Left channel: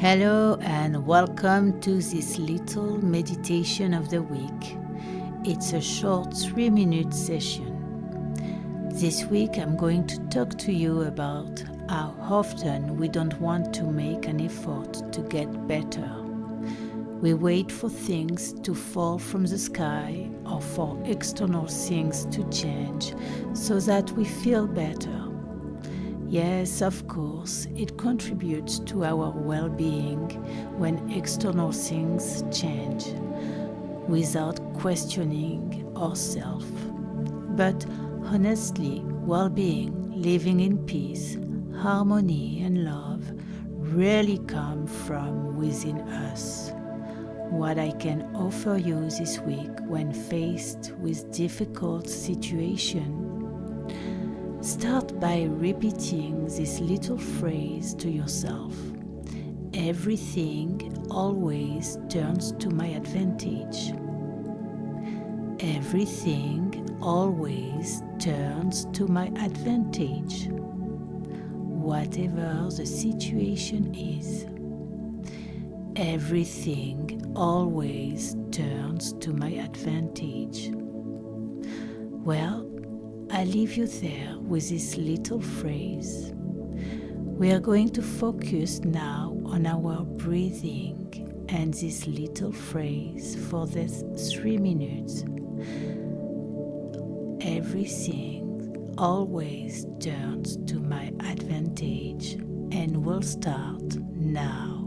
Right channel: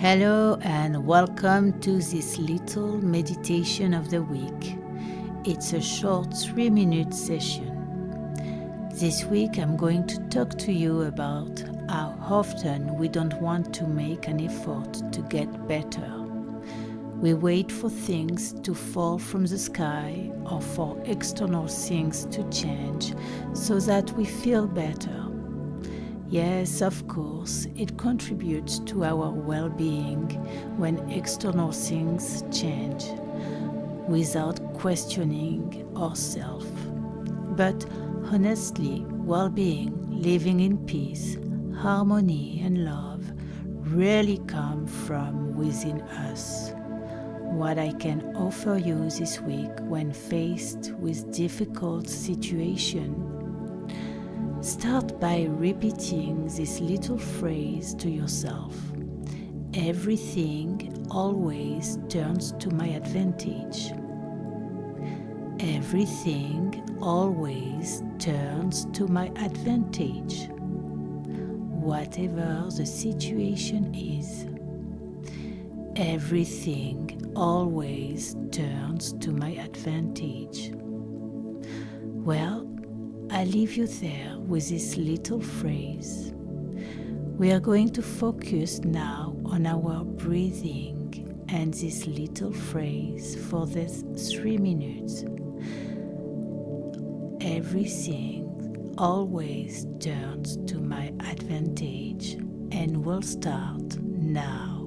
Hello and welcome to this little meditation of the week. It's a short 3-minute session. This week I'm going to talk to you about how often we don't want to make an effort to get better. We wait for things to fall from the sky or for external things to change so that we feel better. Yes, of course, it contributes to our well-being when external things change, without questioning ourselves. But honestly, well-being, living in peace, harmony and love really come from within us. What I can offer you this week when faced with difficult situations: start by repeating this little phrase to yourself. Everything always turns to my advantage. Everything always turns to my advantage. Whatever the situation is, everything always turns to my advantage. Well, I leave you there with this little phrase. We are going to focus now on our breathing and this little phrase for this 3 minutes. Everything always turns to my advantage, and we'll start now.